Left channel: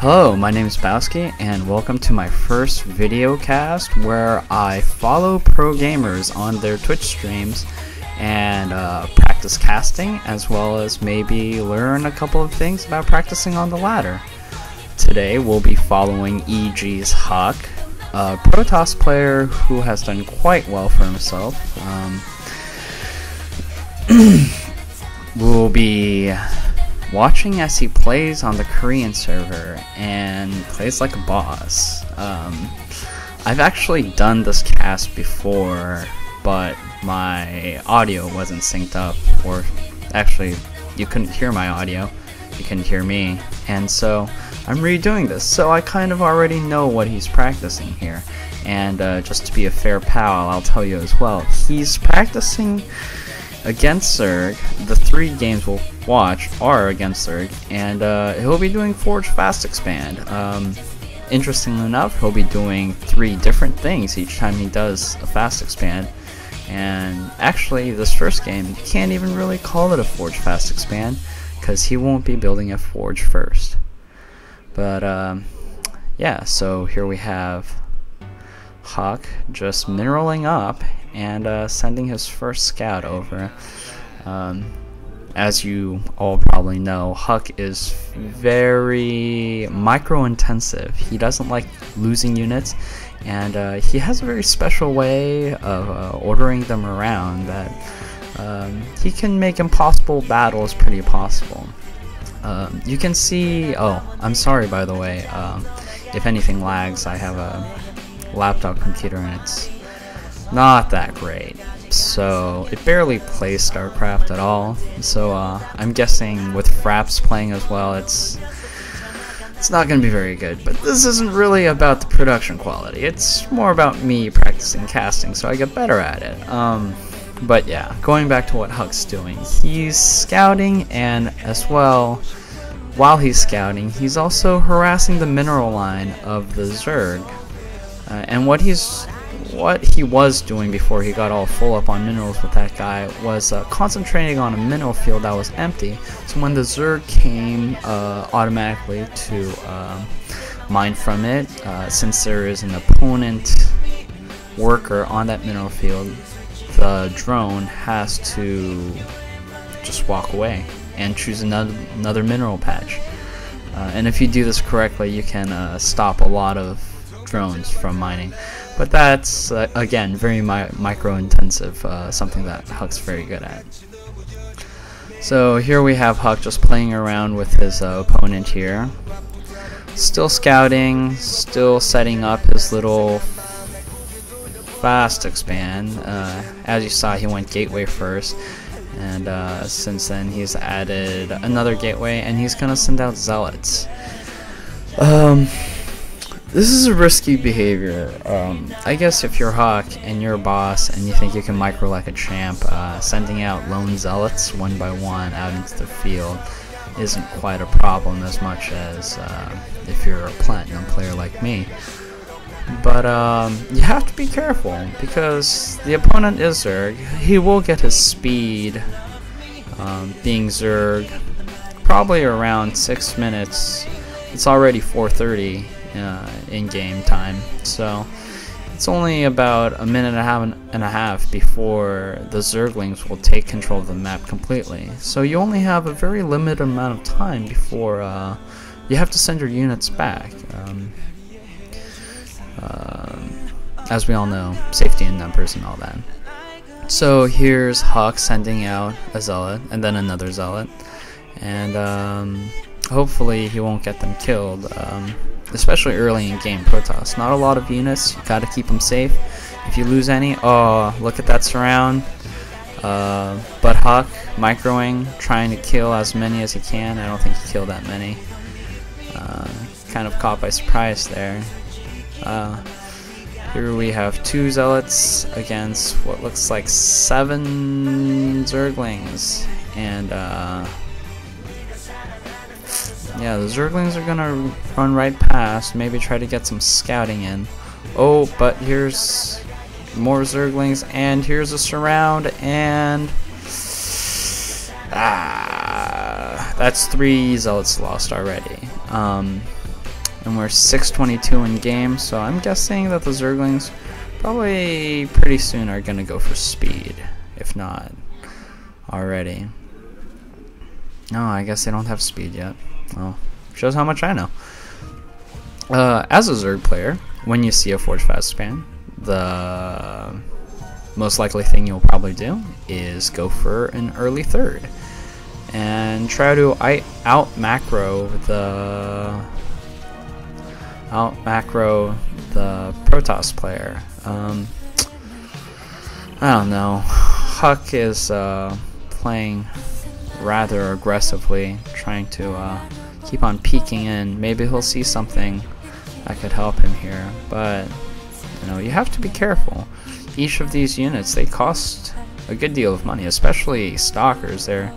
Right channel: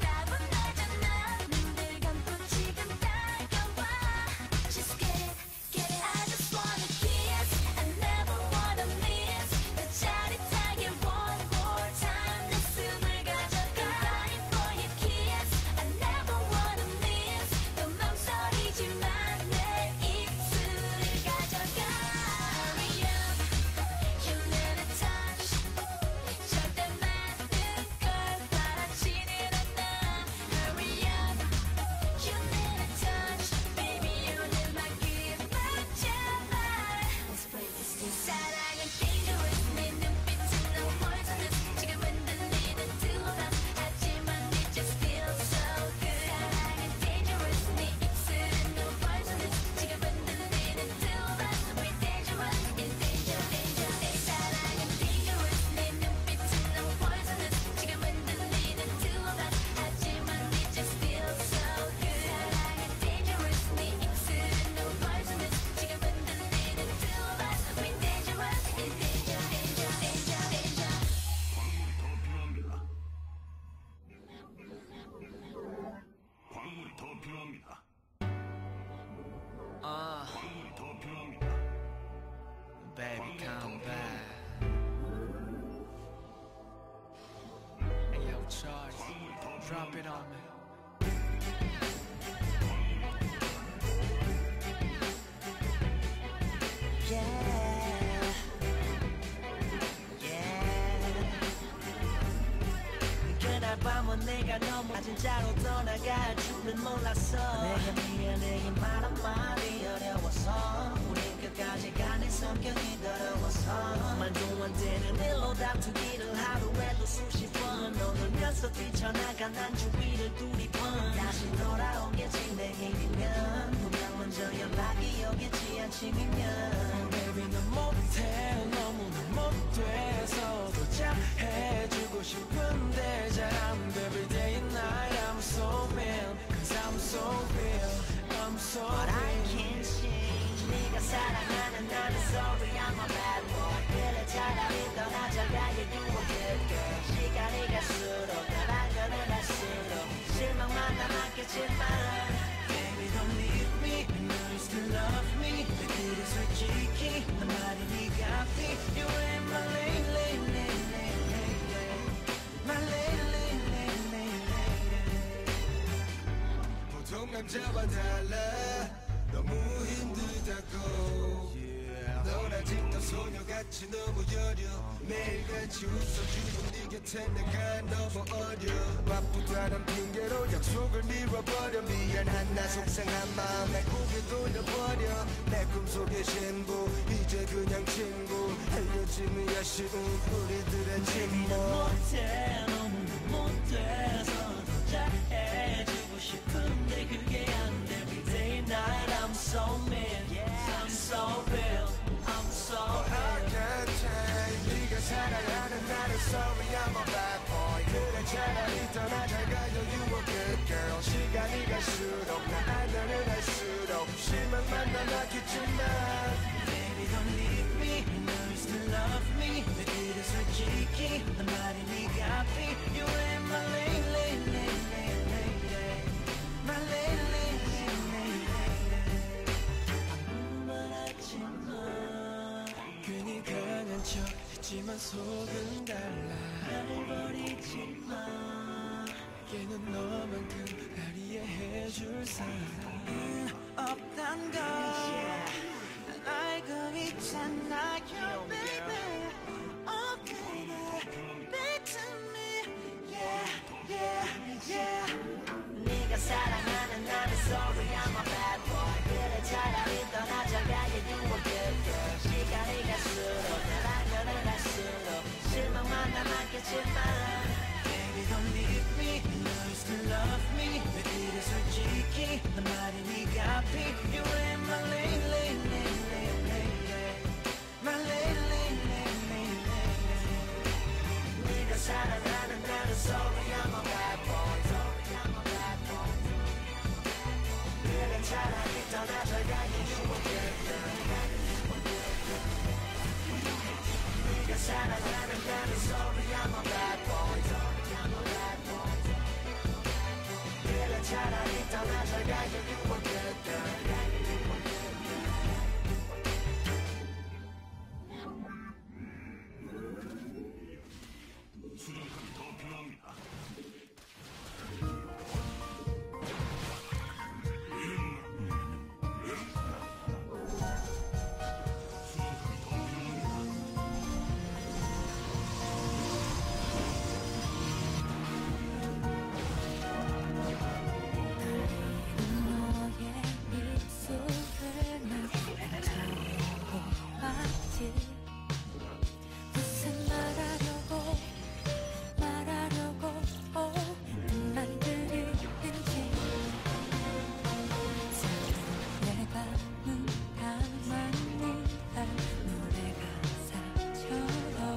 Hello, my name is Bauski, and welcome to my first video cast where I follow pro gamers on their Twitch streams and practice casting, as well as maybe learn a couple of things about practicing on the ladder. Today we'll be following EG's Huck, a Protoss player who has done quite well for himself. We'll be watching as he plays on the Korean server and plays like a boss. I've actually done this cast before, but my audio wasn't synced up, or actually you couldn't hear my audio, you couldn't hear me, and so I'm redoing this, so I kind of already know what he's practicing here. And just to be a fair pal, I'll tell you as well, he's practicing against Zerg. The 3 games we'll watch are against Zerg, and he'll be doing Forge Fast Expand. Interestingly enough, he'll be doing 3 different things each time he does a Fast Expand, and actually this first game, you can't even really call it a Forge Fast Expand, because he won't be building a Forge first. But yeah, so here we have Huck just mineraling up and sending his first scout over. As you all probably know, Huck is very micro-intensive. He doesn't like losing units, and he has a very special way of ordering them around that he can make impossible battles pretty possible. You can see, oh, I'm sorry by the way, if anything lags, I have a laptop computer and it's not that great, so it barely plays Starcraft at all, so I'm guessing with Fraps playing as well, it's not going to be very good. But this isn't really about the production quality, it's more about me practicing casting so I get better at it. But yeah, going back to what Huck's doing, he's scouting, and as well, while he's scouting, he's also harassing the mineral line of the Zerg. And what he was doing before he got all full up on minerals with that guy was concentrating on a mineral field that was empty, so when the Zerg came automatically to mine from it, since there is an opponent worker on that mineral field, the drone has to just walk away and choose another mineral patch. And if you do this correctly, you can stop a lot of drones from mining. But that's, again, very micro-intensive, something that Huck's very good at. So here we have Huck just playing around with his opponent here. Still scouting, still setting up his little Fast Expand. As you saw, he went Gateway first, and since then he's added another Gateway, and he's going to send out Zealots. This is a risky behavior. I guess if you're Huck and you're a boss and you think you can micro like a champ, sending out lone zealots one by one out into the field isn't quite a problem as much as if you're a platinum player like me. But you have to be careful, because the opponent is Zerg. He will get his speed, being Zerg, probably around 6 minutes. It's already 4:30. In game time, so it's only about a minute and a half before the Zerglings will take control of the map completely. So you only have a very limited amount of time before you have to send your units back. As we all know, safety in numbers and all that. So here's Huck sending out a Zealot and then another Zealot, and hopefully he won't get them killed. Especially early in game Protoss. Not a lot of units, gotta keep them safe. If you lose any, oh, look at that surround. But Huck, microing, trying to kill as many as he can. I don't think he killed that many. Kind of caught by surprise there. Here we have 2 Zealots against what looks like 7 Zerglings. And yeah, the Zerglings are gonna run right past, maybe try to get some scouting in. Oh, but here's more Zerglings, and here's a surround, and that's 3 Zealots lost already. and we're 6:22 in game, so I'm guessing that the Zerglings probably pretty soon are gonna go for speed, if not already. No, I guess they don't have speed yet. Well, shows how much I know. As a Zerg player, when you see a Forge Fast span, the most likely thing you'll probably do is go for an early third and try to out macro the Protoss player. I don't know. Huck is playing rather aggressively, trying to keep on peeking in. Maybe he'll see something that could help him here, but you know, you have to be careful. Each of these units, they cost a good deal of money, especially Stalkers. They're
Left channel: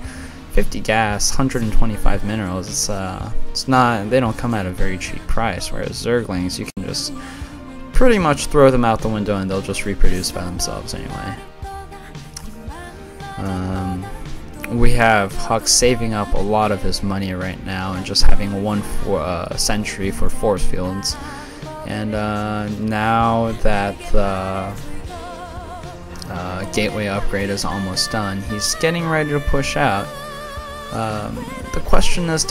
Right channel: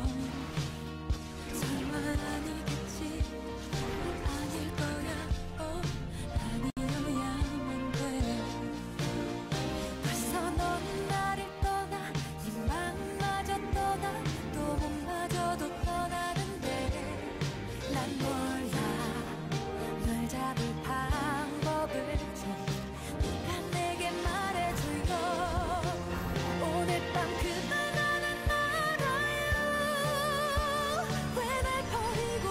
50 gas, 125 minerals. It's not, they don't come at a very cheap price, whereas Zerglings, you can just pretty much throw them out the window and they'll just reproduce by themselves anyway. We have Huck saving up a lot of his money right now and just having one sentry for force fields. And now that the gateway upgrade is almost done, he's getting ready to push out. The question is,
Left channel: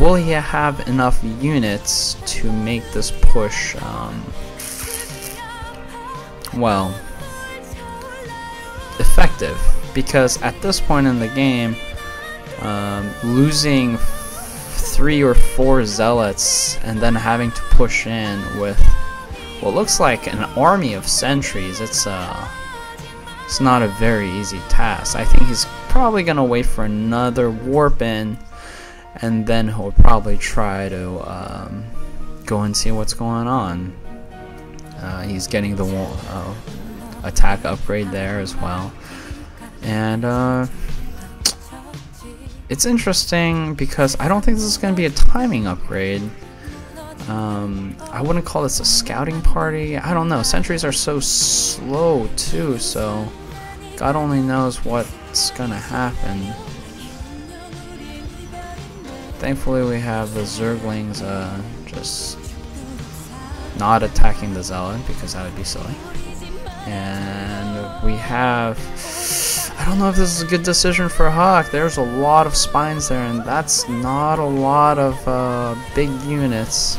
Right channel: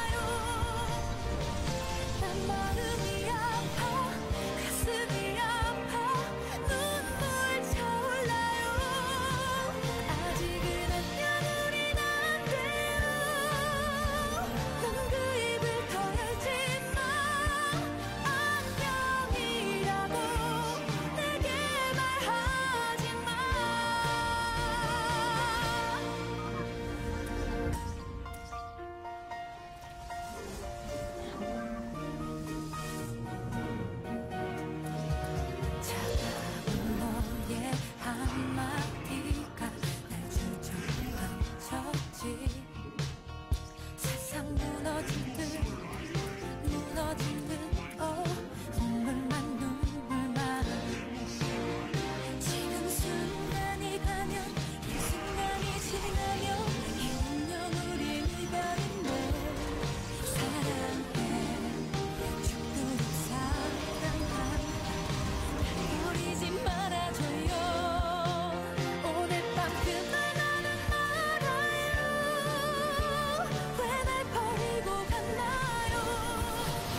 will he have enough units to make this push, well, effective? Because at this point in the game, losing 3 or 4 zealots and then having to push in with what looks like an army of sentries, it's not a very easy task. I think he's probably gonna wait for another warp in, and then he'll probably try to go and see what's going on. He's getting the attack upgrade there as well. And it's interesting because I don't think this is going to be a timing upgrade. I wouldn't call this a scouting party. I don't know. Sentries are so slow too, so God only knows what's going to happen. Thankfully we have the Zerglings just not attacking the Zealot, because that would be silly. And we have... I don't know if this is a good decision for Huck. There's a lot of spines there, and that's not a lot of big units.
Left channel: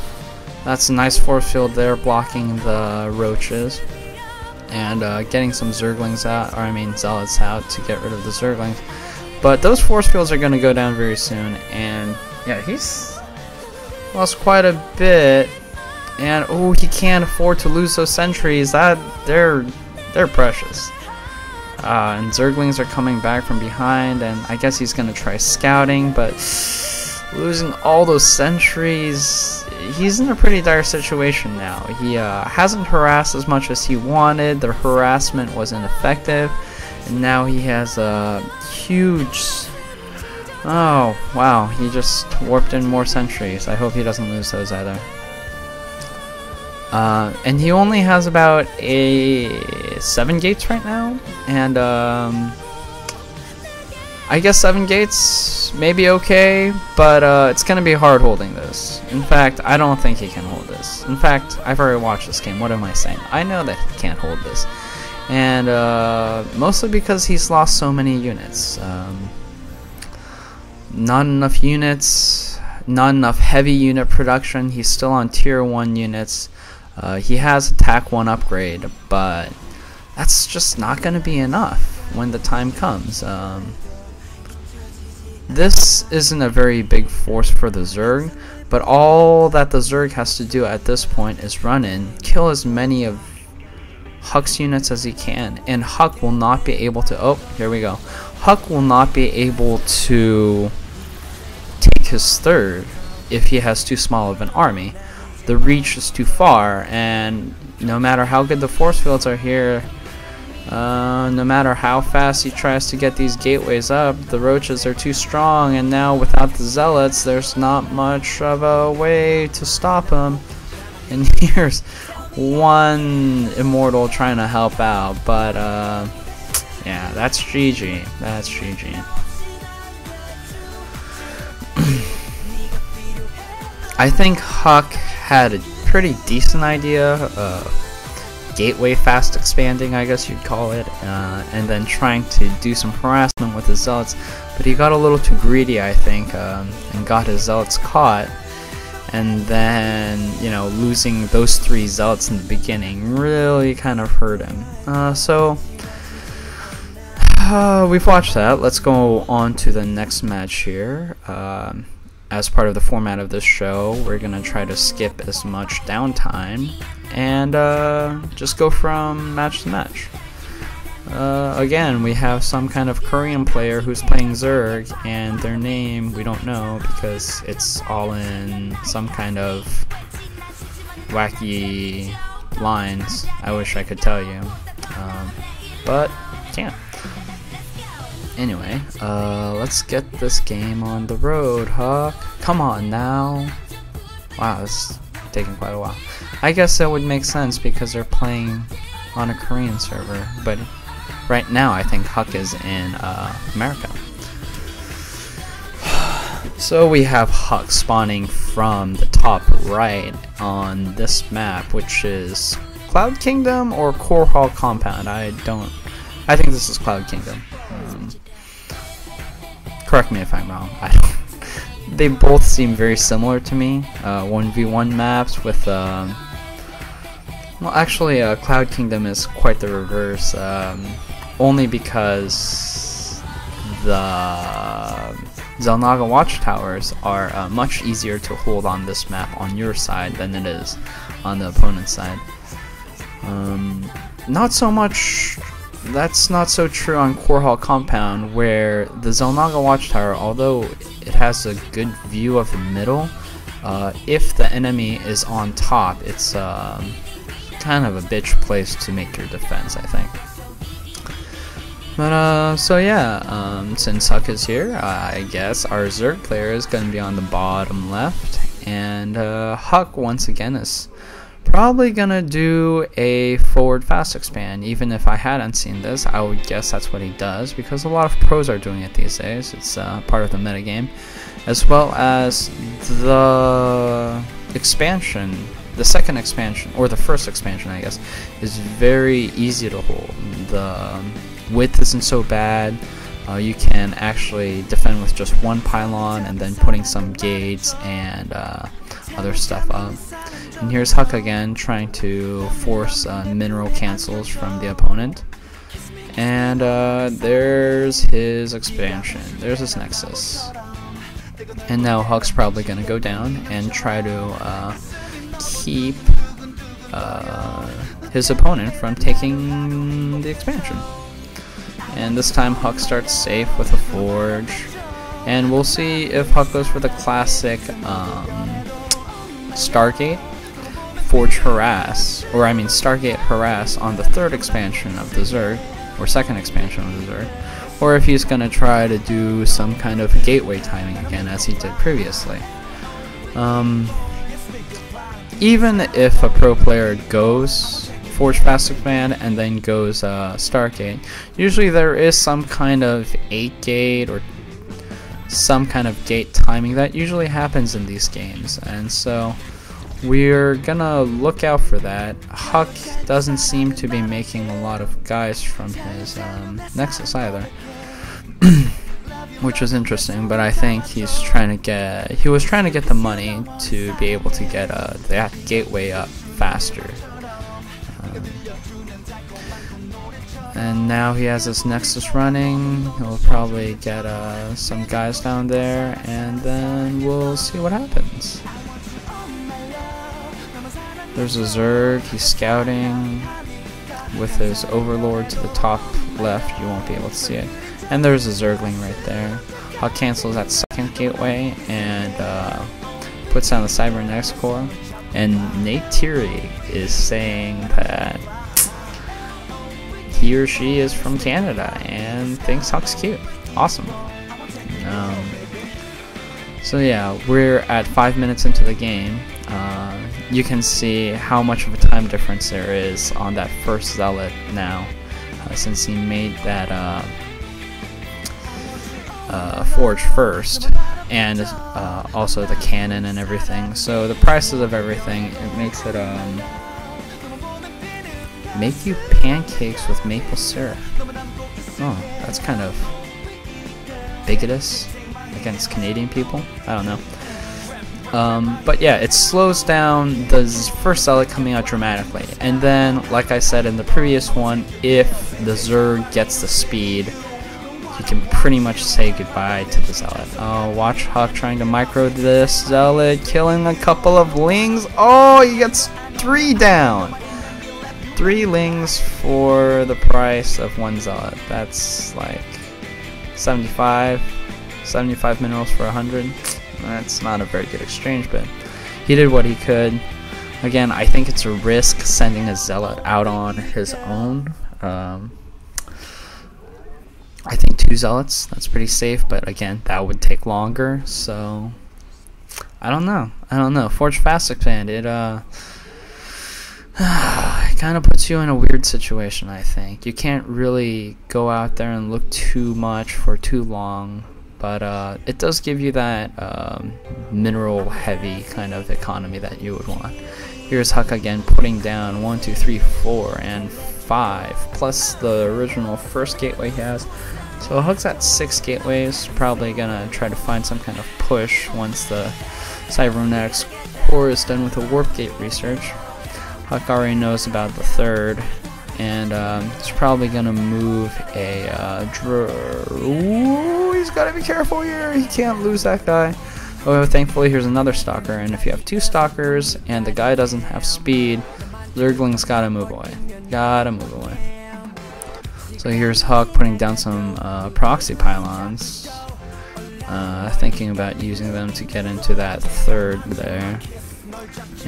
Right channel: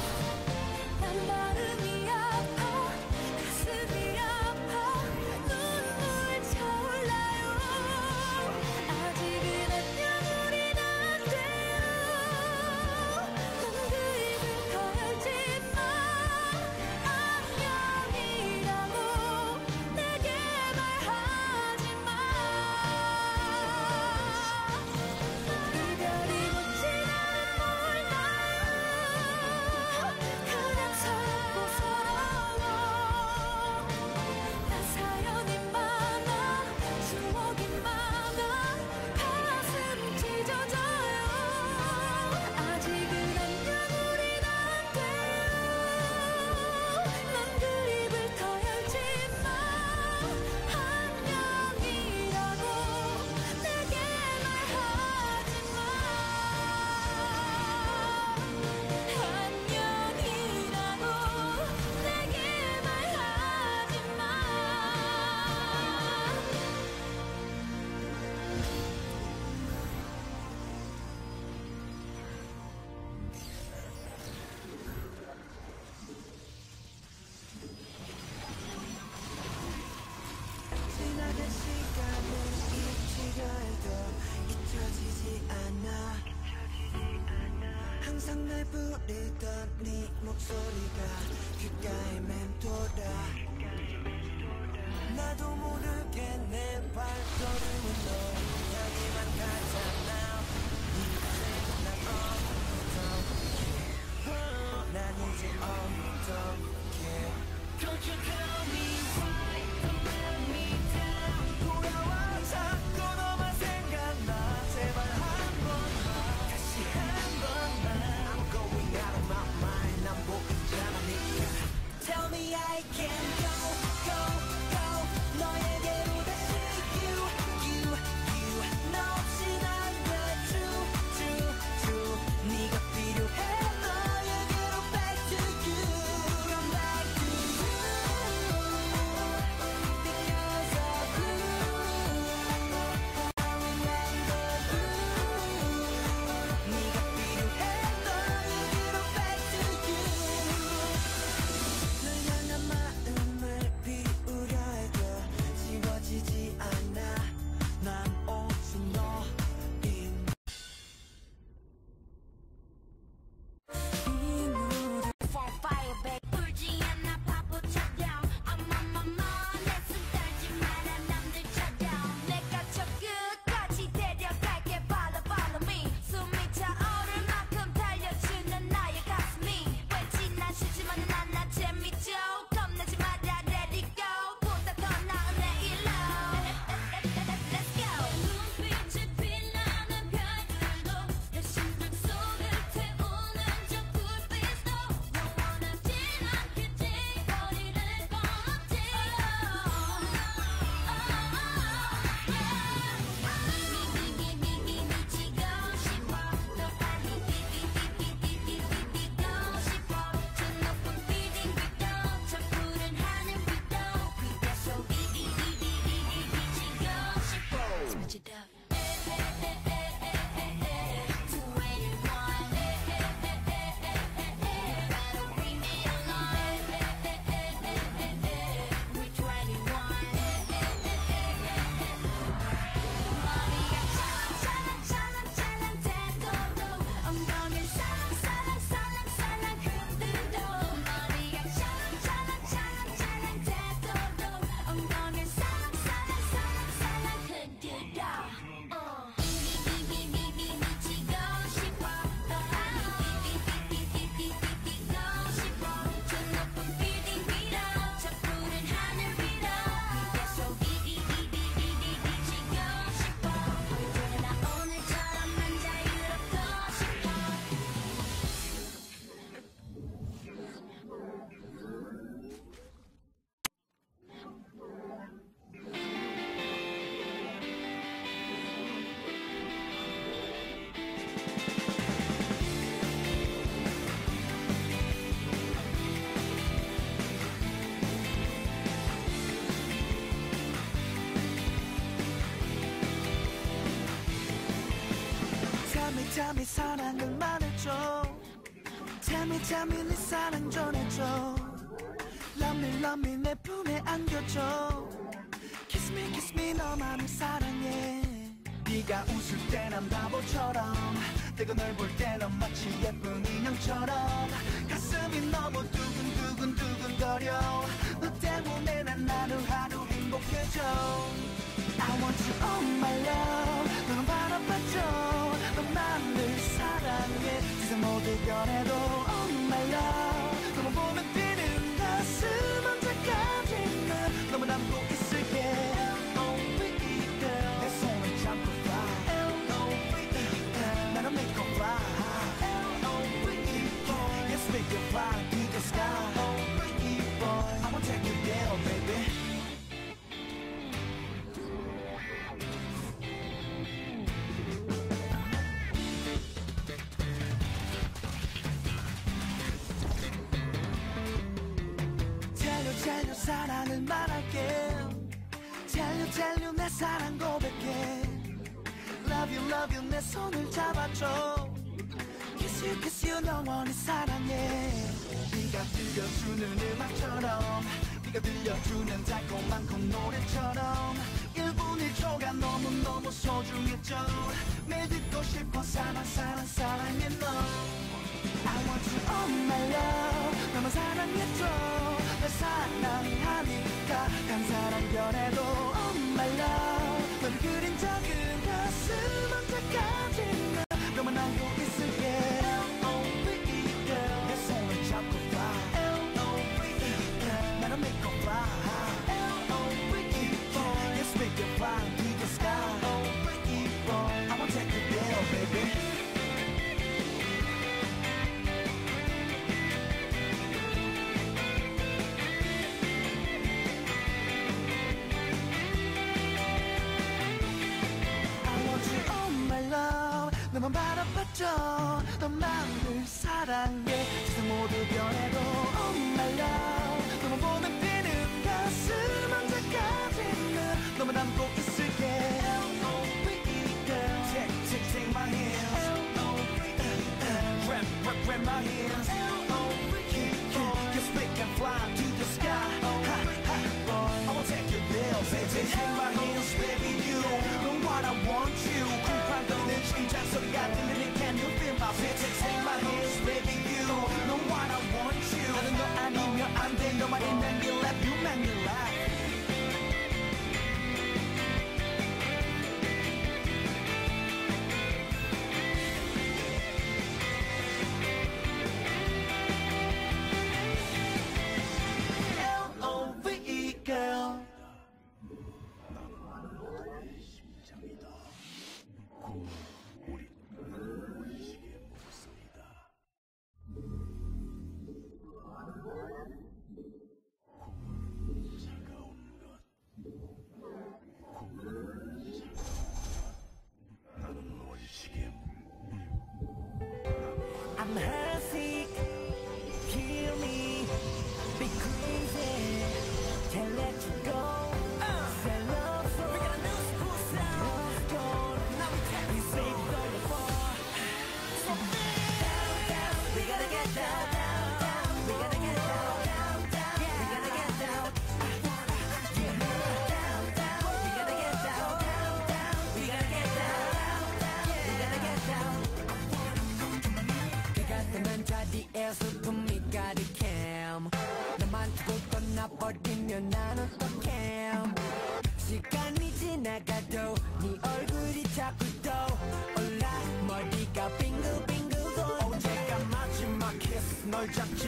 That's a nice force field there blocking the roaches. And getting some Zerglings out, or I mean Zealots out to get rid of the Zergling. But those force fields are going to go down very soon, and yeah, he's lost quite a bit. And oh, he can't afford to lose those sentries. They're precious. And Zerglings are coming back from behind, and I guess he's going to try scouting, but losing all those sentries, he's in a pretty dire situation now. He hasn't harassed as much as he wanted. The harassment wasn't effective. And now he has a huge... Oh, wow, he just warped in more sentries. I hope he doesn't lose those either. And he only has about 7 gates right now, and I guess 7 gates may be okay, but it's going to be hard holding this. In fact, I don't think he can hold this. In fact, I've already watched this game. What am I saying? I know that he can't hold this. And mostly because he's lost so many units. Not enough units, not enough heavy unit production. He's still on tier 1 units. He has attack 1 upgrade, but that's just not going to be enough when the time comes. This isn't a very big force for the Zerg, but all that the Zerg has to do at this point is run in, kill as many of Huck's units as he can, and Huck will not be able to... Oh, here we go. Huck will not be able to take his third if he has too small of an army. The reach is too far, and no matter how good the force fields are here, no matter how fast he tries to get these gateways up, the roaches are too strong, and now without the zealots, there's not much of a way to stop him. And here's one immortal trying to help out, but yeah, that's GG. That's GG. I think Huck had a pretty decent idea, gateway fast expanding, I guess you'd call it, and then trying to do some harassment with his zealots, but he got a little too greedy, I think, and got his zealots caught, and then, you know, losing those 3 zealots in the beginning really kind of hurt him. So we've watched that. Let's go on to the next match here. As part of the format of this show, we're gonna try to skip as much downtime and just go from match to match. Again, we have some kind of Korean player who's playing Zerg, and their name we don't know because it's all in some kind of wacky lines. I wish I could tell you, but can't. Anyway, let's get this game on the road, Huck. Come on now. Wow, this is taking quite a while. I guess that would make sense because they're playing on a Korean server, but right now I think Huck is in America. So we have Huck spawning from the top right on this map, which is Cloud Kingdom or Core Hall Compound. I think this is Cloud Kingdom. Correct me if I'm wrong. They both seem very similar to me. 1v1 maps with, well, actually, Cloud Kingdom is quite the reverse, only because the Xel'Naga watchtowers are much easier to hold on this map on your side than it is on the opponent's side. Not so much. That's not so true on Core Hall Compound, where the Xel'Naga watchtower, although it has a good view of the middle, if the enemy is on top, it's kind of a bitch place to make your defense, I think. But so yeah, since Huck is here, I guess our Zerg player is going to be on the bottom left, and Huck once again is probably gonna do a forward fast expand. Even if I hadn't seen this, I would guess that's what he does, because a lot of pros are doing it these days. It's part of the metagame, as well as the expansion, the second expansion, or the first expansion I guess, is very easy to hold. The width isn't so bad. You can actually defend with just one pylon and then putting some gates and other stuff up. And here's Huck again trying to force mineral cancels from the opponent. And there's his expansion. There's his nexus. And now Huck's probably going to go down and try to keep his opponent from taking the expansion. And this time Huck starts safe with a forge. And we'll see if Huck goes for the classic Stargate, Forge Harass, or I mean Stargate Harass on the third expansion of the Zerg, or second expansion of the Zerg, or if he's going to try to do some kind of gateway timing again as he did previously. Even if a pro player goes Forge Fast Command and then goes Stargate, usually there is some kind of 8-gate or some kind of gate timing that usually happens in these games, and so we're gonna look out for that. Huck doesn't seem to be making a lot of guys from his nexus either, which was interesting, but I think he was trying to get the money to be able to get that gateway up faster. And now he has his nexus running. He'll probably get some guys down there, and then we'll see what happens. There's a Zerg. He's scouting with his overlord to the top left. You won't be able to see it. And there's a Zergling right there. I'll cancel that second gateway and puts down the Cybernetics core. And Nate Thierry is saying that he or she is from Canada and thinks Huck's cute. Awesome. So yeah, we're at 5 minutes into the game. You can see how much of a time difference there is on that first Zealot now, since he made that forge first, and also the cannon and everything. So the prices of everything, it makes it make you pancakes with maple syrup. Oh, that's kind of bigotous against Canadian people. I don't know. But yeah, it slows down the first zealot coming out dramatically. And then, like I said in the previous one, if the Zerg gets the speed, you can pretty much say goodbye to the zealot. Oh, watch Huck trying to micro this zealot, killing a couple of lings. Oh, he gets 3 down. 3 lings for the price of 1 zealot. That's like 75 minerals for 100. That's not a very good exchange, but he did what he could. Again, I think it's a risk sending a zealot out on his own. I think 2 zealots, that's pretty safe, but again, that would take longer, so I don't know. Forge Fast Expand, it kind of puts you in a weird situation, I think. You can't really go out there and look too much for too long. But it does give you that mineral heavy kind of economy that you would want. Here's Huck again putting down 1, 2, 3, 4, and 5, plus the original first gateway he has. So Huck's at 6 gateways, probably gonna try to find some kind of push once the cybernetics core is done with the warp gate research. Huck already knows about the 3rd. And he's probably gonna move a Ooh, he's gotta be careful here. He can't lose that guy. Oh, thankfully here's another stalker. And if you have 2 stalkers and the guy doesn't have speed, Zergling's gotta move away. So here's Huck putting down some proxy pylons. Thinking about using them to get into that 3rd there.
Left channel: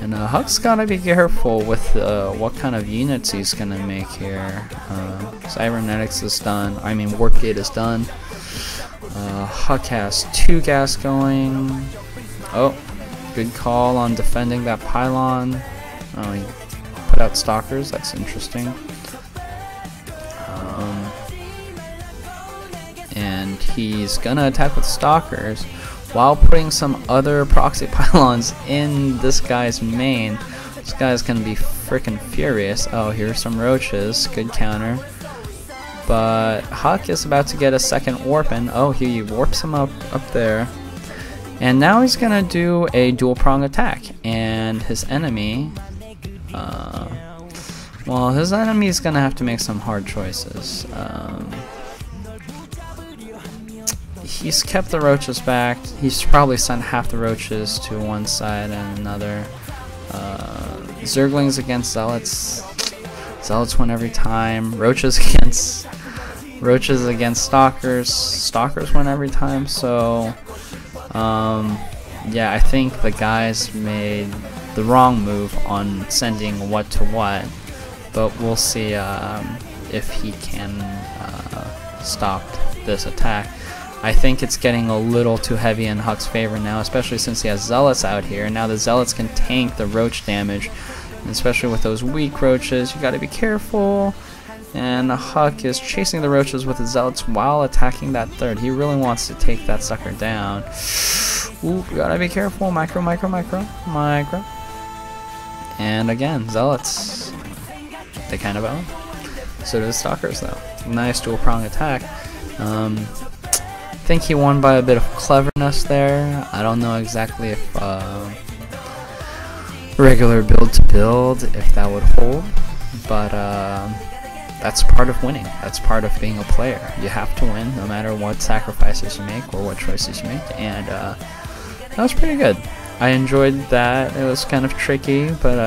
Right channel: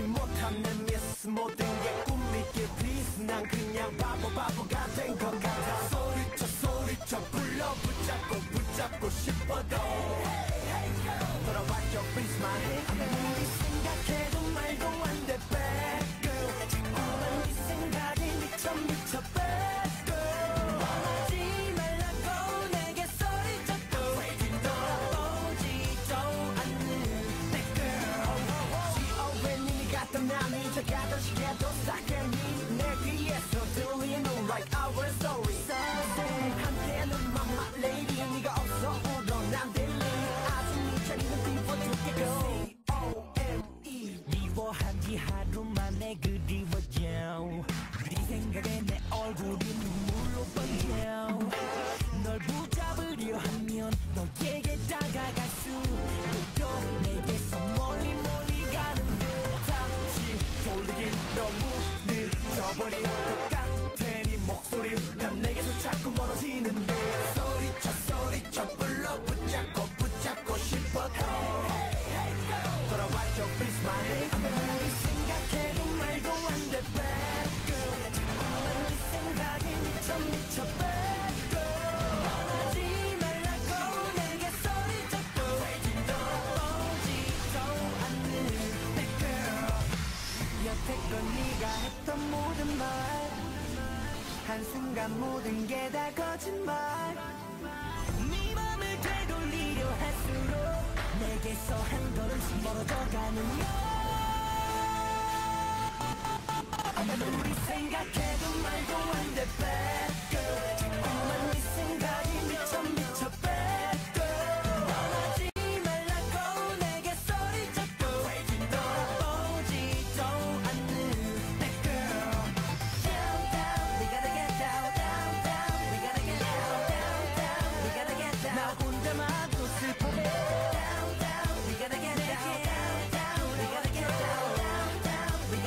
And Huck's gotta be careful with what kind of units he's gonna make here. Cybernetics is done. Warp Gate is done. Huck has 2 gas going. Oh, good call on defending that pylon. He put out stalkers. That's interesting. And he's gonna attack with stalkers while putting some other proxy pylons in this guy's main. This guy's gonna be freaking furious. Oh, here's some roaches. Good counter. But Huck is about to get a second warp in. Oh, he warps him up there. And now he's gonna do a dual prong attack. And his enemy, his enemy is gonna have to make some hard choices. He's kept the roaches back. He's probably sent half the roaches to one side and another. Zerglings against zealots. Zealots win every time. Roaches against stalkers. Stalkers win every time. So, yeah, I think the guys made the wrong move on sending what to what. But we'll see if he can stop this attack. I think it's getting a little too heavy in Huck's favor now, especially since he has zealots out here. Now the zealots can tank the roach damage, especially with those weak roaches. You gotta be careful. And Huck is chasing the roaches with the zealots while attacking that 3rd. He really wants to take that sucker down. Ooh, you gotta be careful. Micro. And again, zealots. They kind of own. So do the stalkers though. Nice dual prong attack. I think he won by a bit of cleverness there. I don't know exactly if regular build to build, if that would hold, but that's part of winning. That's part of being a player. You have to win no matter what sacrifices you make or what choices you make, and that was pretty good. I enjoyed that. It was kind of tricky, but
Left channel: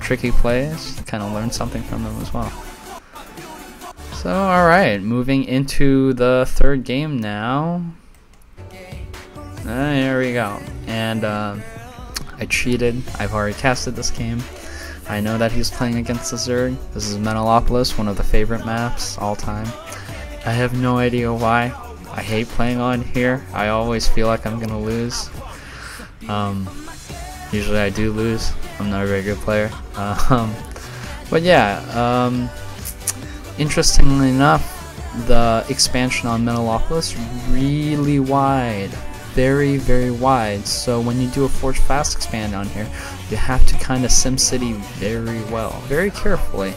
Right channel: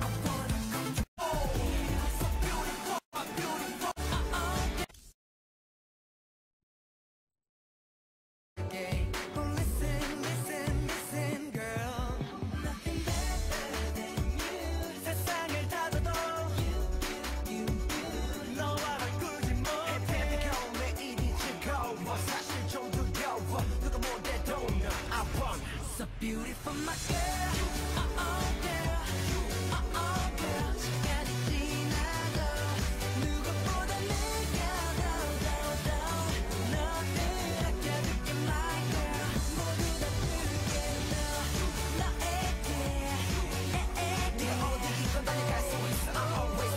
tricky plays. Kind of learned something from them as well. So, alright, moving into the 3rd game now. Here we go. And I cheated. I've already casted this game. I know that he's playing against the Zerg. This is Metalopolis, one of the favorite maps all time. I have no idea why. I hate playing on here. I always feel like I'm gonna lose. Usually I do lose. I'm not a very good player. But yeah, interestingly enough, the expansion on Metalocalypse really wide, very, very wide. So when you do a Forge Fast expand on here, you have to kind of SimCity very well, very carefully.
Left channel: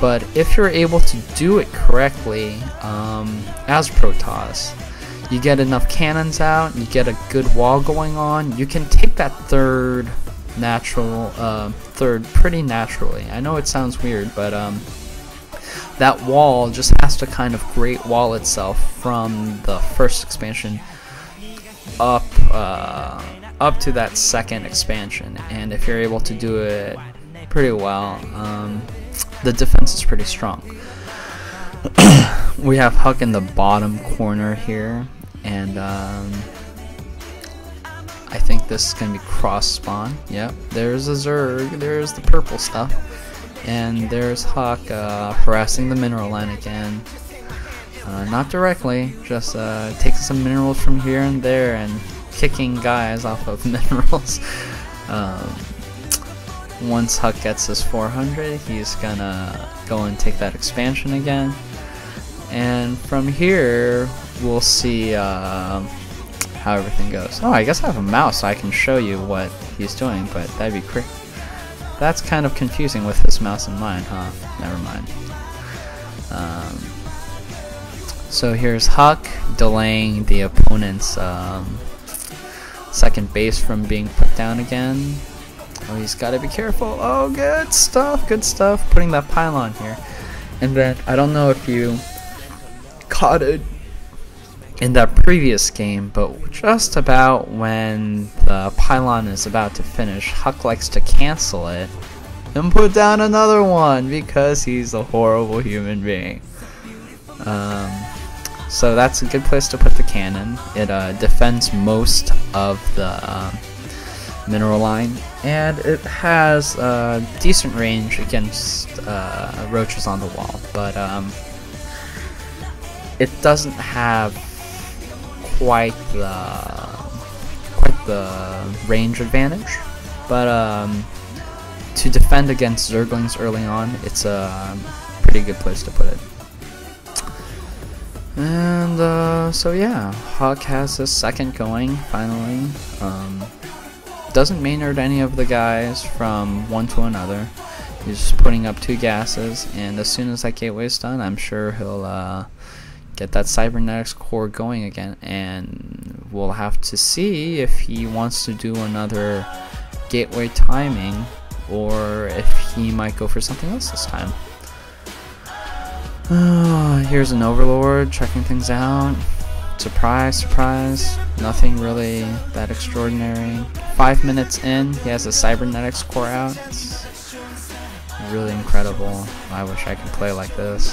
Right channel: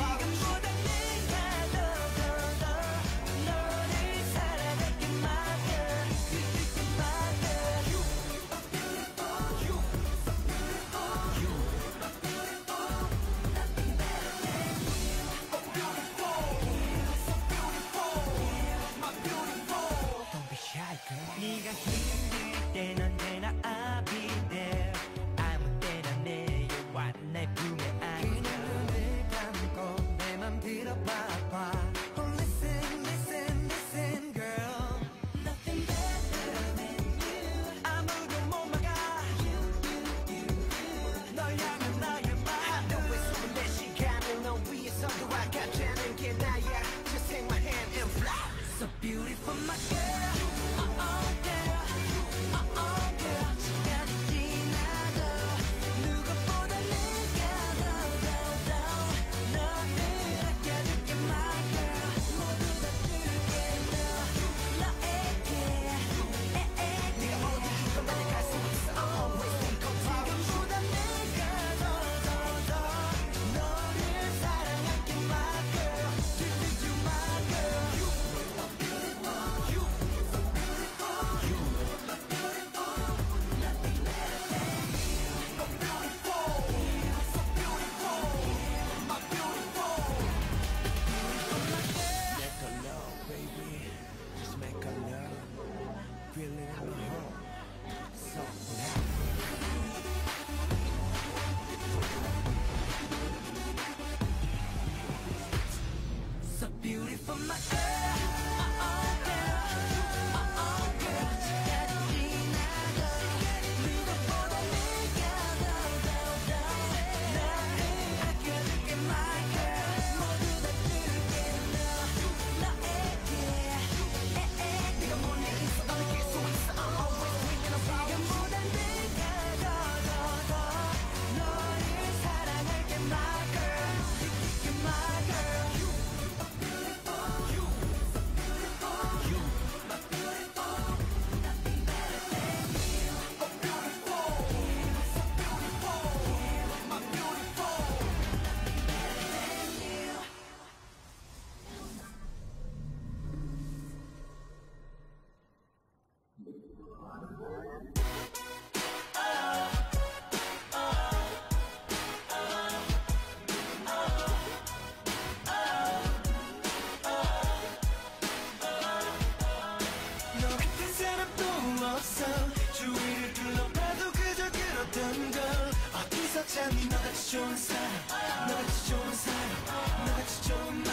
But if you're able to do it correctly, as Protoss, you get enough cannons out, you get a good wall going on, you can take that third pretty naturally. I know it sounds weird, but that wall just has to kind of great wall itself from the first expansion up to that second expansion. And if you're able to do it pretty well, the defense is pretty strong. We have Huck in the bottom corner here, and I think this is going to be cross spawn. Yep, there's a Zerg, there's the purple stuff, and there's Huck harassing the mineral line again. Not directly, just taking some minerals from here and there and kicking guys off of minerals. Once Huck gets his 400, he's gonna go and take that expansion again. And from here, we'll see how everything goes. Oh, I guess I have a mouse, so I can show you what he's doing, but that'd be quick. That's kind of confusing with this mouse in mind, huh? Never mind. So here's Huck delaying the opponent's second base from being put down again. Oh, he's got to be careful. Oh, good stuff, good stuff. Putting that pylon here. And then, I don't know if you caught it in that previous game, but just about when the pylon is about to finish, Huck likes to cancel it and put down another one because he's a horrible human being. So that's a good place to put the cannon. It defends most of the mineral line, and it has decent range against roaches on the wall, but it doesn't have quite the range advantage. But to defend against Zerglings early on, it's a pretty good place to put it. And so yeah, Huck has his second going finally. Doesn't Maynard any of the guys from one to another. He's just putting up 2 gases, and as soon as that gateway's done, I'm sure he'll get that cybernetics core going again, and we'll have to see if he wants to do another gateway timing or if he might go for something else this time. Here's an Overlord checking things out. Surprise, surprise, nothing really that extraordinary. 5 minutes in, he has a cybernetics core out. It's really incredible. I wish I could play like this.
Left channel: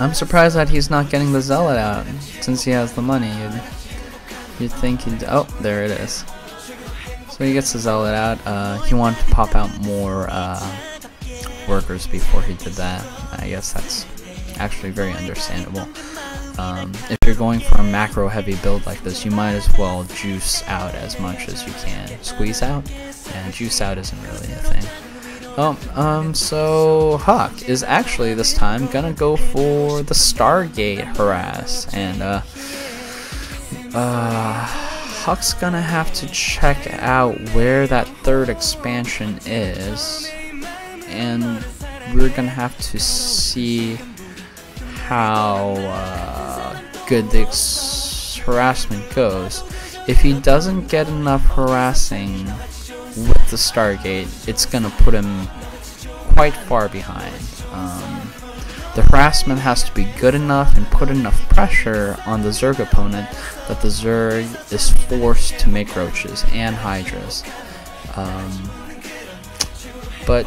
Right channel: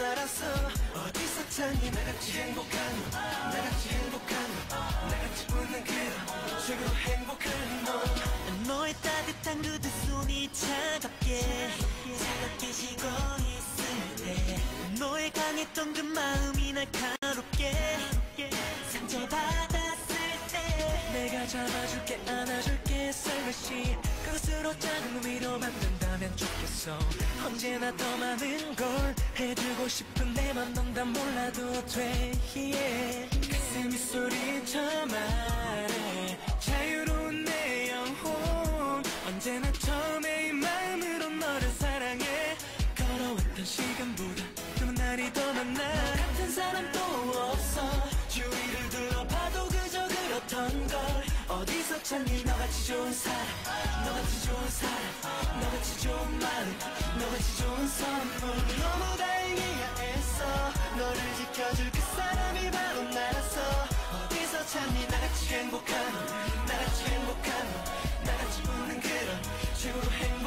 I'm surprised that he's not getting the Zealot out, since he has the money. You'd think he'd... Oh, there it is. So he gets the Zealot out. He wanted to pop out more workers before he did that. I guess that's actually very understandable. If you're going for a macro heavy build like this, you might as well juice out as much as you can. Squeeze out, and juice out isn't really anything. So Huck is actually this time gonna go for the Stargate harass, and Huck's gonna have to check out where that third expansion is, and we're gonna have to see how good the harassment goes. If he doesn't get enough harassing with the Stargate, it's gonna put him quite far behind. The harassment has to be good enough and put enough pressure on the Zerg opponent that the Zerg is forced to make roaches and hydras. But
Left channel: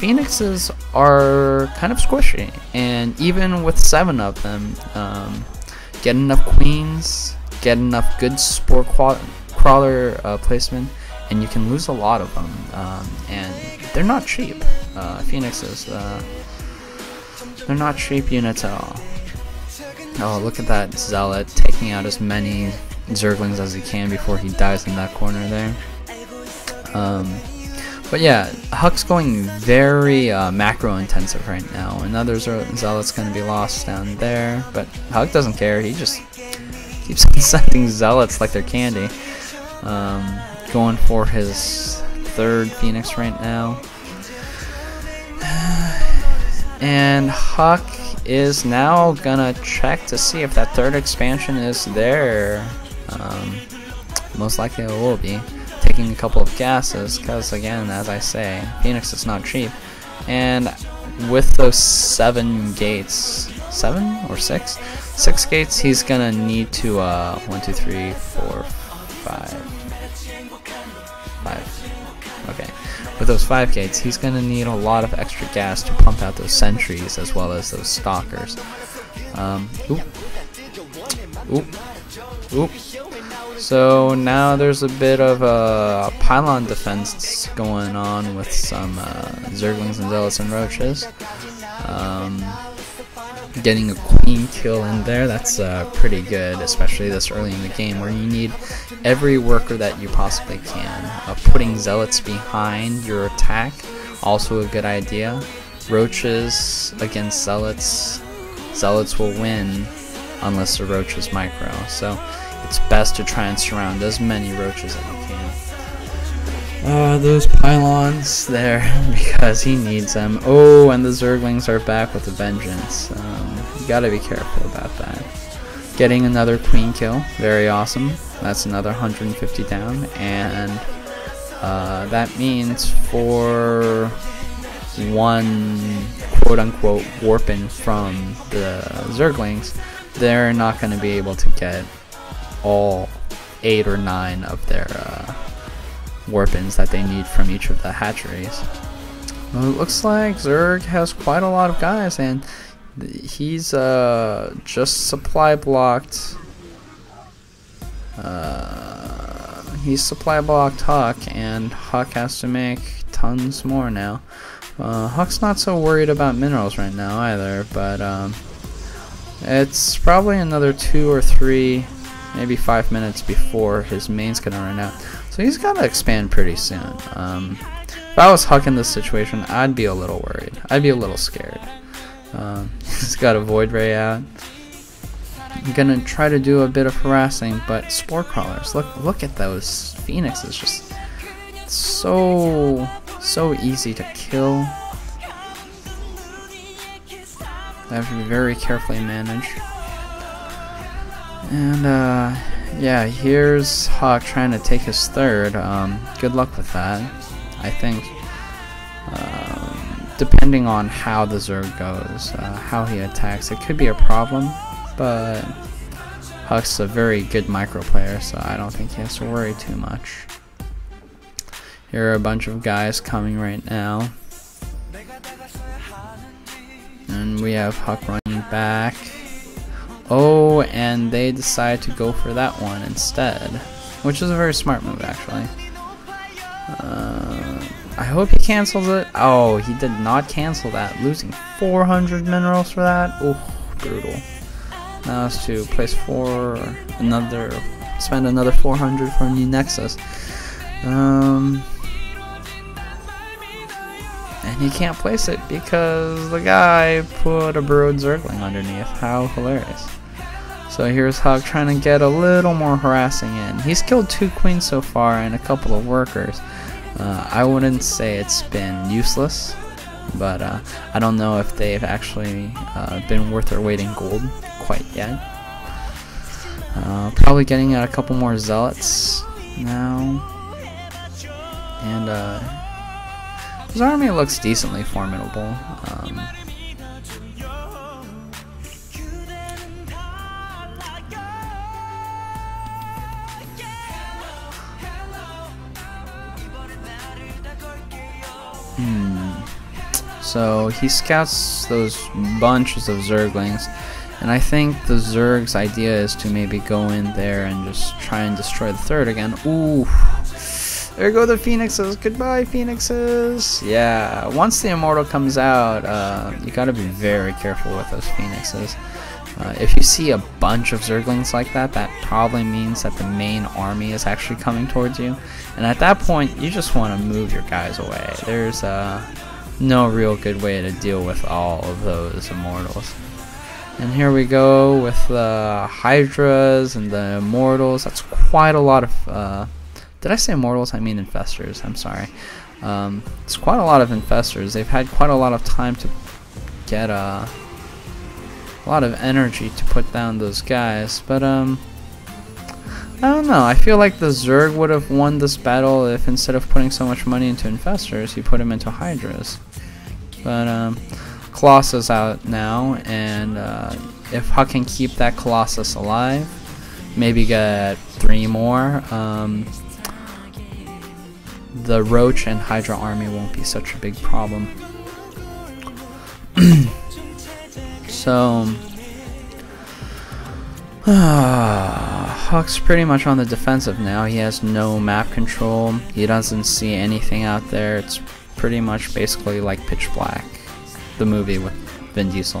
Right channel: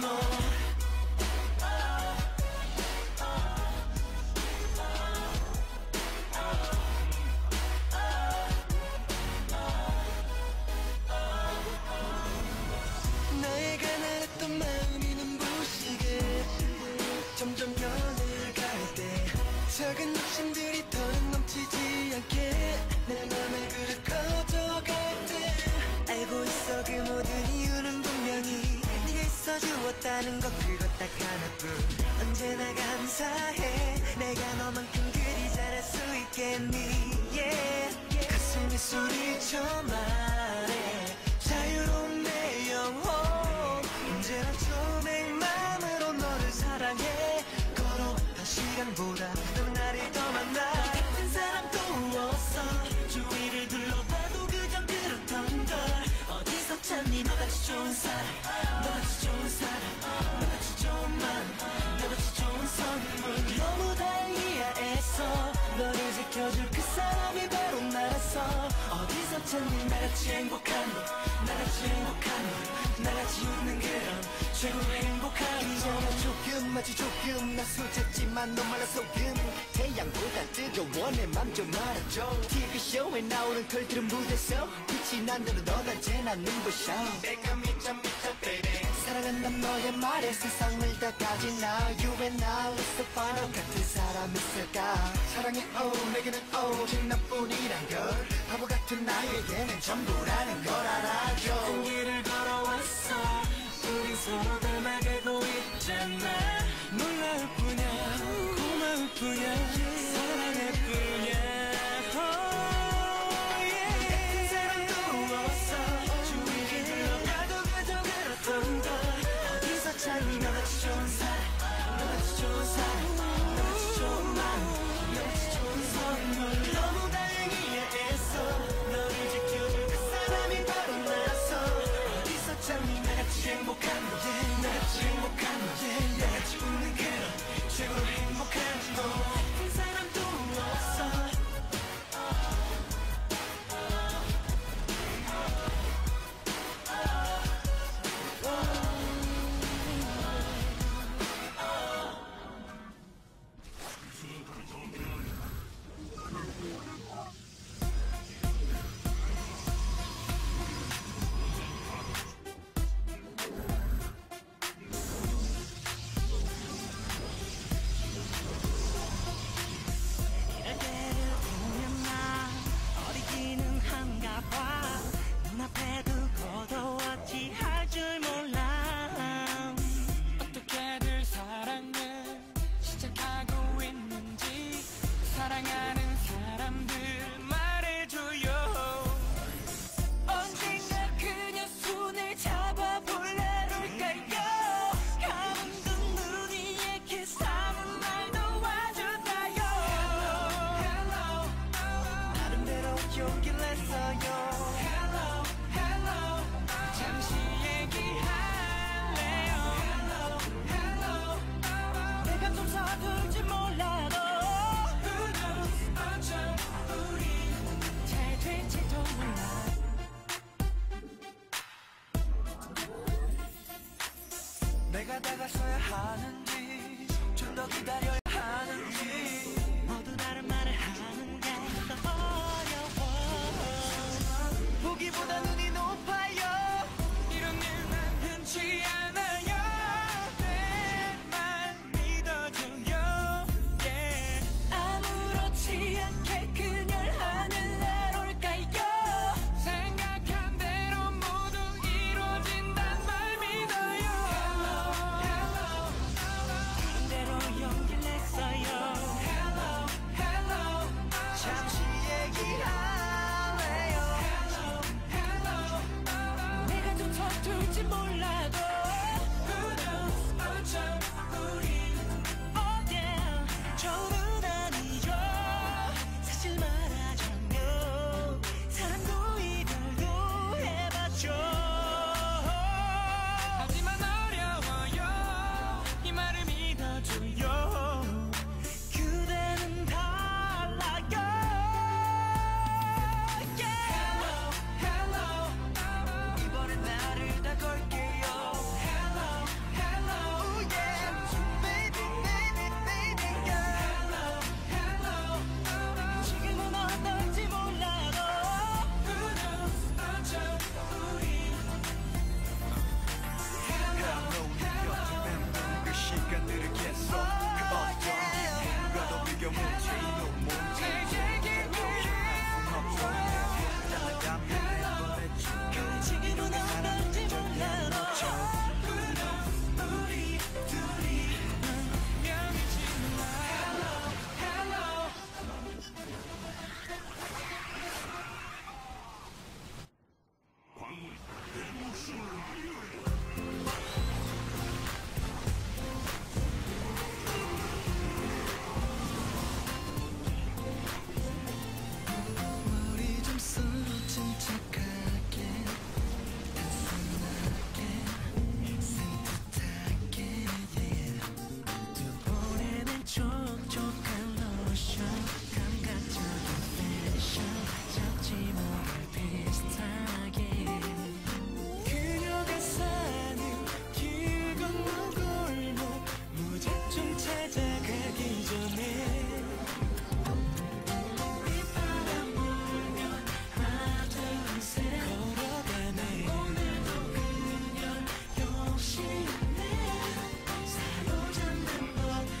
Phoenixes are kind of squishy, and even with 7 of them, get enough queens, get enough good spore crawler placement, and you can lose a lot of them. And they're not cheap. Phoenixes, they're not cheap units at all. Oh, look at that Zealot taking out as many Zerglings as he can before he dies in that corner there. But yeah, Huck's going very macro intensive right now. Another zealot's gonna be lost down there, but Huck doesn't care. He just keeps sending zealots like they're candy. Going for his third Phoenix right now. And Huck is now gonna check to see if that third expansion is there. Most likely it will be. Taking a couple of gases, because again, as I say, Phoenix is not cheap. And with those 7 gates, 7 or 6? 6 gates, he's gonna need to 1, 2, 3, 4, 5. Okay. With those 5 gates, he's gonna need a lot of extra gas to pump out those sentries as well as those stalkers. Oop. So now there's a bit of a pylon defense going on with some Zerglings and Zealots and Roaches. Getting a queen kill in there, that's pretty good, especially this early in the game where you need every worker that you possibly can. Putting Zealots behind your attack, also a good idea. Roaches against Zealots, Zealots will win unless the Roach is micro, so it's best to try and surround as many Roaches as you can. Those pylons there, because he needs them. Oh, and the Zerglings are back with a vengeance. You gotta be careful about that. Getting another queen kill, very awesome. That's another 150 down, and that means for one quote-unquote warping from the Zerglings, they're not going to be able to get all 8 or 9 of their warpins that they need from each of the hatcheries. Well, it looks like Zerg has quite a lot of guys, and he's just supply blocked. He's supply blocked Huck, and Huck has to make tons more now. Huck's not so worried about minerals right now either, but it's probably another 2 or 3, maybe 5 minutes before his main's gonna run out. So he's gotta expand pretty soon. If I was Huck in this situation, I'd be a little worried. I'd be a little scared. He's got a Void Ray out. I'm gonna try to do a bit of harassing, but Spore Crawlers, look at those Phoenixes, just so easy to kill. They have to be very carefully managed. And yeah, here's Huck trying to take his third. Good luck with that. I think depending on how the Zerg goes, how he attacks, it could be a problem, but Huck's a very good micro player, so I don't think he has to worry too much. Here are a bunch of guys coming right now. And we have Huck running back. Oh, and they decide to go for that one instead, which is a very smart move actually. I hope he cancels it. Oh, he did not cancel that, losing 400 minerals for that. Oh, brutal. Now it's to place spend another 400 for a new Nexus. And he can't place it because the guy put a Burrowed Zergling underneath. How hilarious. So here's Huck trying to get a little more harassing in. He's killed 2 queens so far and a couple of workers. I wouldn't say it's been useless, but I don't know if they've actually been worth their weight in gold quite yet. Probably getting out a couple more Zealots now. And his army looks decently formidable. So he scouts those bunches of Zerglings, and I think the Zerg's idea is to maybe go in there and just try and destroy the third again. Ooh, there go the Phoenixes. Goodbye, Phoenixes. Yeah, once the Immortal comes out, you gotta be very careful with those Phoenixes. If you see a bunch of Zerglings like that, that probably means that the main army is actually coming towards you. And at that point, you just want to move your guys away. There's no real good way to deal with all of those Immortals. And here we go with the Hydras and the Immortals. That's quite a lot of... did I say Immortals? I mean Infestors. I'm sorry. It's quite a lot of Infestors. They've had quite a lot of time to get a lot of energy to put down those guys. But, I don't know. I feel like the Zerg would have won this battle if instead of putting so much money into Infestors, he put him into Hydras. But, Colossus out now, and if Huck can keep that Colossus alive, maybe get 3 more, the Roach and Hydra army won't be such a big problem. So, Huck's pretty much on the defensive now. He has no map control. He doesn't see anything out there. It's pretty much basically like Pitch Black, the movie with Vin Diesel.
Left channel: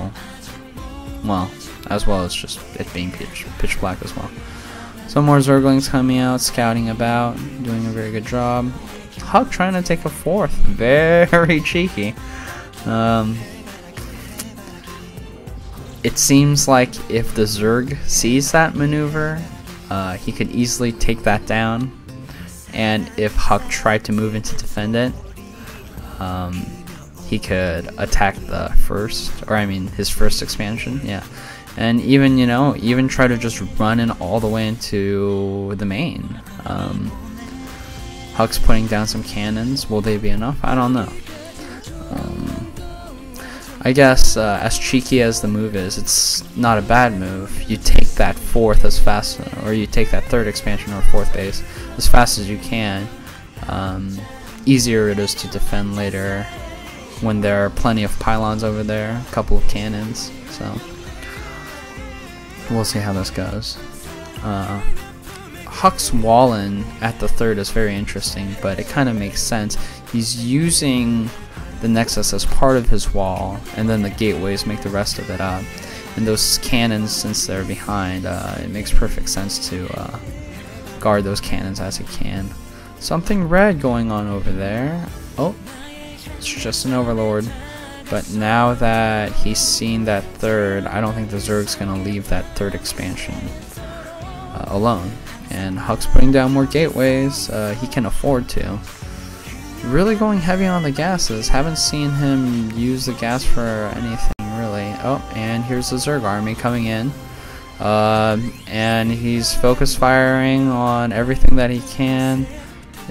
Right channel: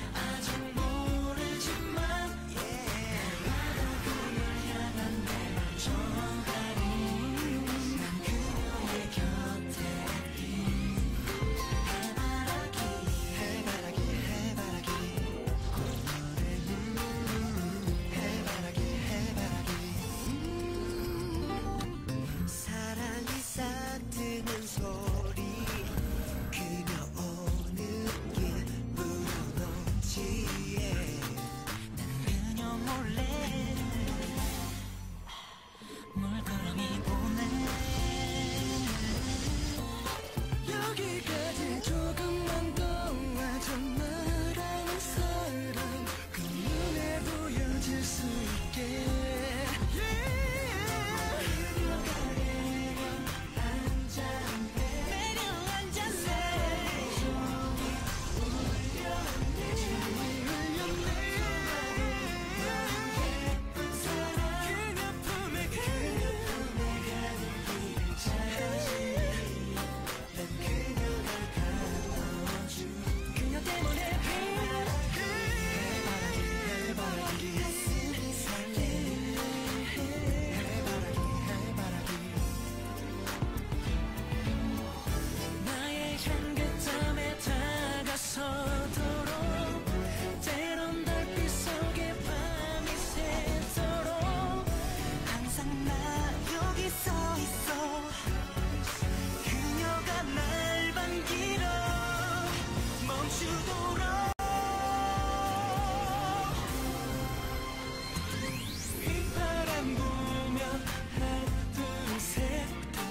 Well as just it being pitch black as well. Some more Zerglings coming out, scouting about, doing a very good job. Huck trying to take a 4th. Very cheeky. It seems like if the Zerg sees that maneuver, he could easily take that down. And if Huck tried to move in to defend it, he could attack the his first expansion, yeah. And even, even try to just run in all the way into the main. Huck's putting down some cannons. Will they be enough? I don't know. I guess, as cheeky as the move is, it's not a bad move. You take that 4th as fast, or you take that 3rd expansion or 4th base as fast as you can. Easier it is to defend later when there are plenty of pylons over there, a couple of cannons, so we'll see how this goes. Huck's Wallen at the 3rd is very interesting, but it kind of makes sense. He's using the Nexus as part of his wall, and then the gateways make the rest of it up. And those cannons, since they're behind, it makes perfect sense to guard those cannons as he can. Something red going on over there. Oh, it's just an Overlord. But now that he's seen that 3rd, I don't think the Zerg's going to leave that 3rd expansion alone. And Huck's putting down more gateways. He can afford to. Really going heavy on the gases. Haven't seen him use the gas for anything really. Oh, and here's the Zerg army coming in. And he's focus firing on everything that he can.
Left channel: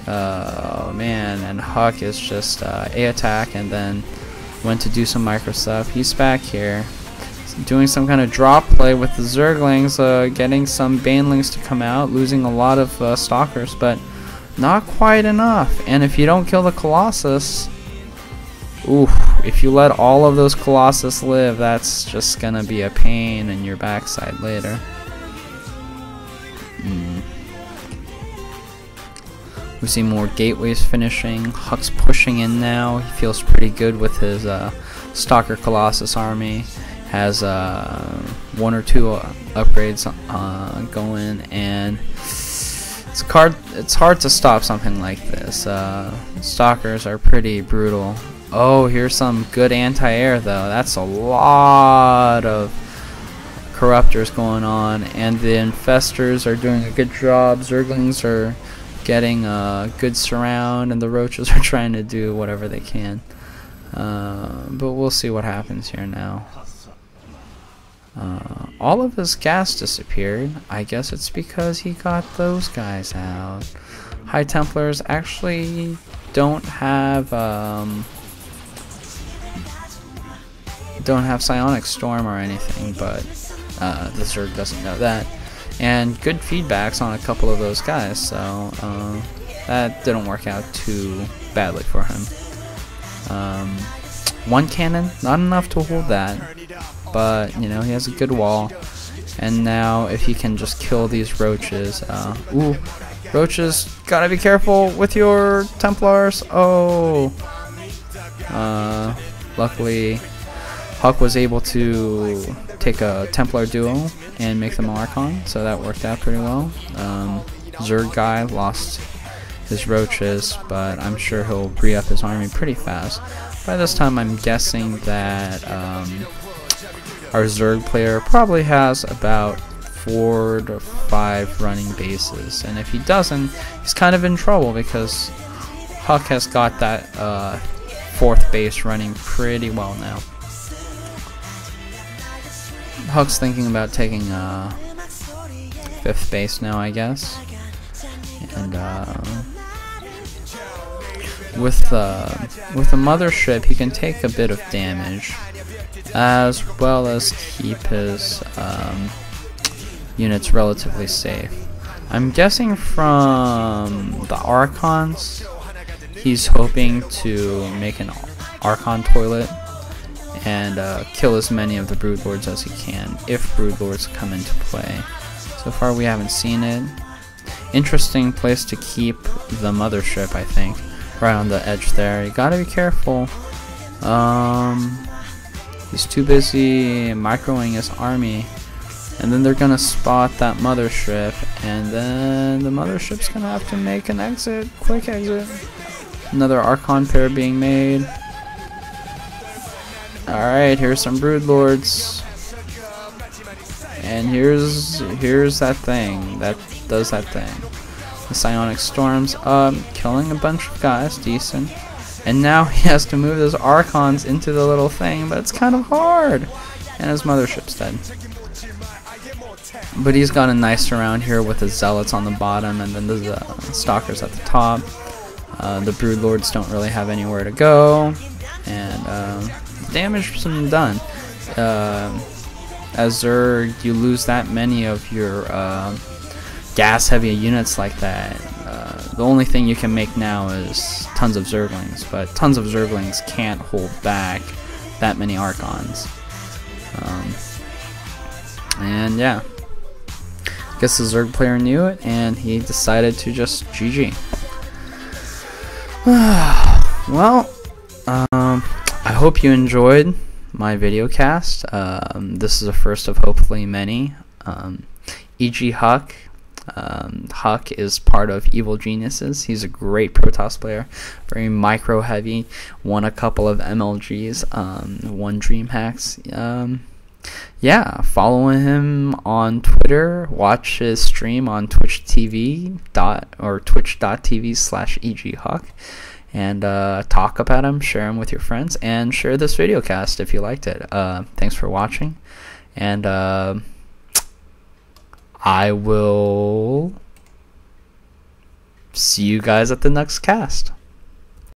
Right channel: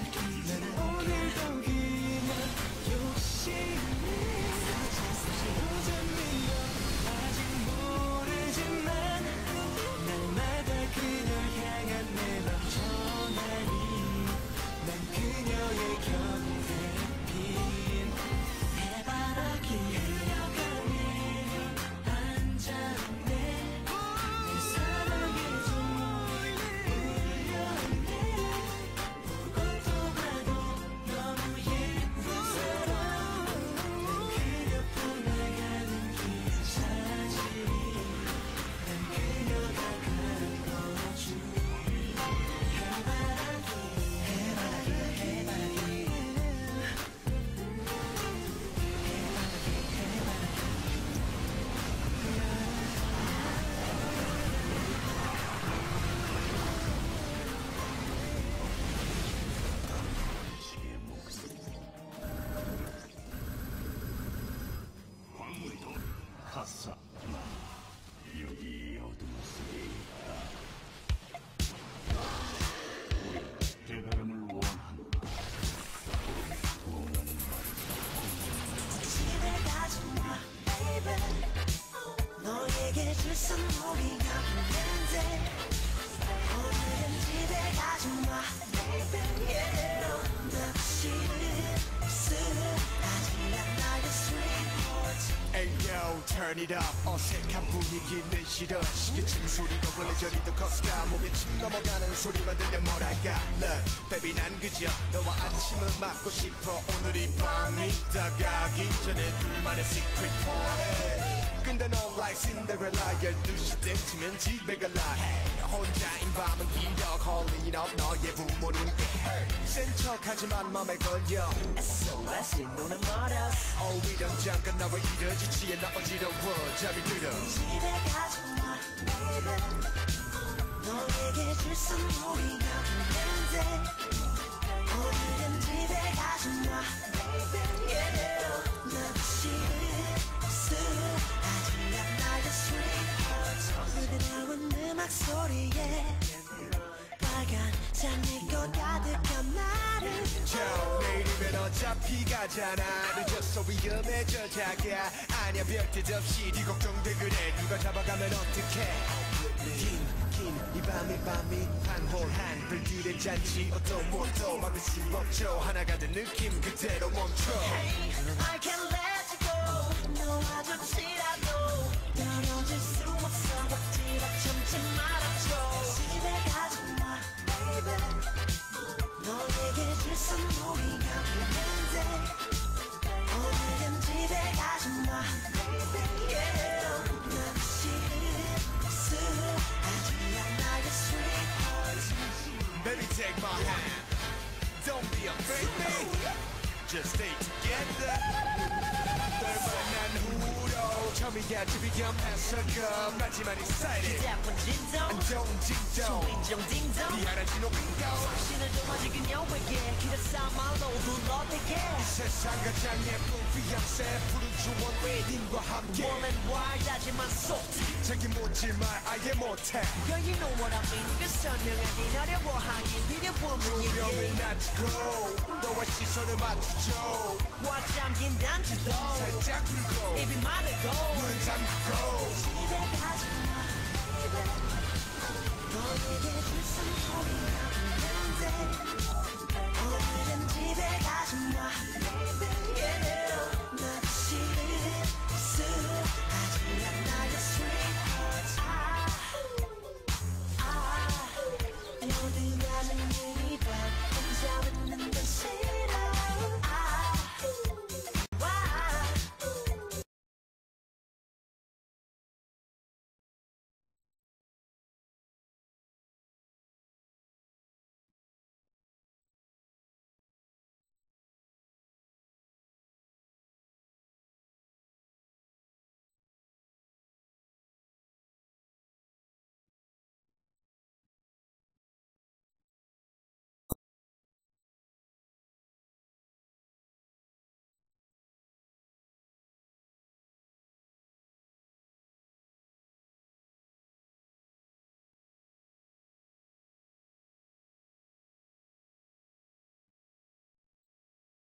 Oh man, and Huck is just A-attack and then went to do some micro stuff. He's back here doing some kind of drop play with the Zerglings, getting some Banelings to come out, losing a lot of Stalkers, but not quite enough. And if you don't kill the Colossus, oof, if you let all of those Colossus live, that's just gonna be a pain in your backside later. We see more gateways finishing. Huck's pushing in now. He feels pretty good with his Stalker Colossus army. Has 1 or 2 upgrades going, and it's hard to stop something like this. Stalkers are pretty brutal. Oh, here's some good anti-air though. That's a lot of Corruptors going on, and the Infestors are doing a good job. Zerglings are getting a good surround, and the Roaches are trying to do whatever they can. But we'll see what happens here now. All of his gas disappeared. I guess it's because he got those guys out. High Templars actually don't have Psionic Storm or anything, but the Zerg doesn't have that. And good feedbacks on a couple of those guys, so that didn't work out too badly for him. 1 cannon, not enough to hold that, but he has a good wall. And now if he can just kill these Roaches, ooh, Roaches, gotta be careful with your Templars. Oh, luckily Huck was able to take a Templar duo and make them Archon, so that worked out pretty well. Zerg guy lost his roaches, but I'm sure he'll breed up his army pretty fast. By this time, I'm guessing that our Zerg player probably has about 4 to 5 running bases, and if he doesn't, he's kind of in trouble because Huck has got that 4th base running pretty well now. Huck's thinking about taking 5th base now, I guess. And with the mothership, he can take a bit of damage, as well as keep his units relatively safe. I'm guessing from the Archons, he's hoping to make an Archon toilet and kill as many of the Broodlords as he can, if Broodlords come into play. So far we haven't seen it. Interesting place to keep the mothership, I think. Right on the edge there. You gotta be careful. He's too busy microing his army. And then they're gonna spot that mothership, and then the mothership's gonna have to make an exit. Quick exit. Another Archon pair being made. Alright, here's some Broodlords. And here's that thing that does that thing. The Psionic Storms killing a bunch of guys, decent. And now he has to move his Archons into the little thing, but it's kind of hard. And his mothership's dead. But he's got a nice surround here with the Zealots on the bottom and then the Stalkers at the top. The Broodlords don't really have anywhere to go. And damage has done. As Zerg, you lose that many of your gas-heavy units like that. The only thing you can make now is tons of Zerglings, but tons of Zerglings can't hold back that many Archons. And yeah, I guess the Zerg player knew it, and he decided to just GG. Well, I hope you enjoyed my video cast. This is the first of hopefully many. E.G. Huck. Huck is part of Evil Geniuses. He's a great Protoss player, very micro heavy, won a couple of MLGs, won DreamHacks. Yeah, follow him on Twitter, watch his stream on twitch.tv/EGHuck, and talk about him, share him with your friends, and share this video cast if you liked it. Thanks for watching, and I will see you guys at the next cast.